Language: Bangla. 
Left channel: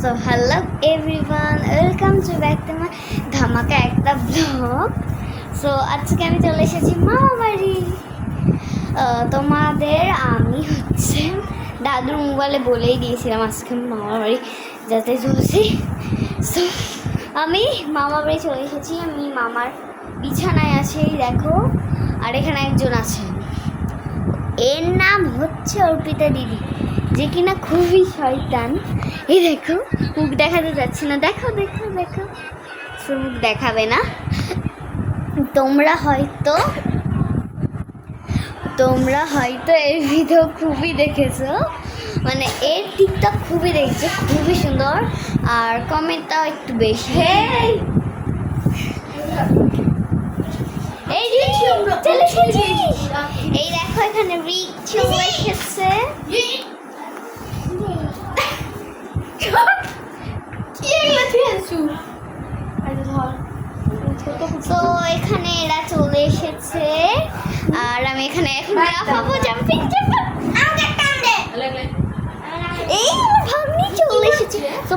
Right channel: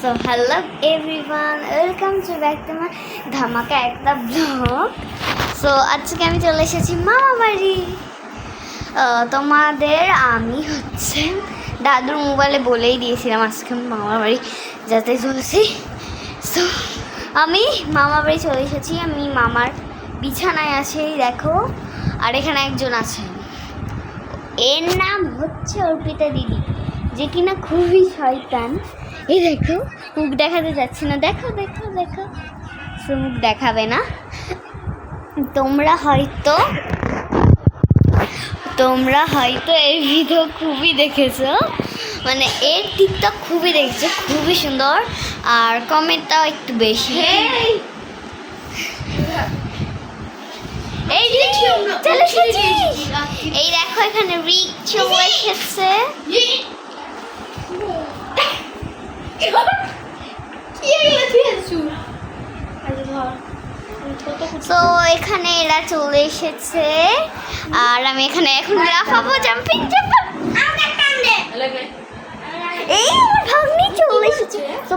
So hello everyone, welcome to back to my ধামাকা একটা ব্লগ। সো আজকে আমি চলে এসেছি মামা বাড়ি। তোমাদের আমি দাদুর মোবাইলে বলেই দিয়েছিলাম আজকে আমি মামা বাড়ি যেতে চলেছি। সো আমি মামা বাড়ি চলে এসেছি। আমি মামার বিছানায় আছি, দেখো। আর এখানে একজন আছেন, এর নাম হচ্ছে অর্পিতা দিদি, যে কিনা খুবই শয়তান। এই দেখো, মুখ দেখাতে যাচ্ছে না, দেখো দেখো দেখো, সে মুখ দেখাবে না। তোমরা হয়তো এর ভিডিও খুবই দেখেছো, মানে এর টিকটক খুবই দেখেছো, খুবই সুন্দর। আর কমেন্টটাও একটু বেশি। এই দেখো এখানে রিক চলে এসেছে। তো এখানে এরা চলে এসেছে, আর আমি এখানে এখন লাফাবো, জাম্পিং এই ভাগ্নি চলে এসেছে। তো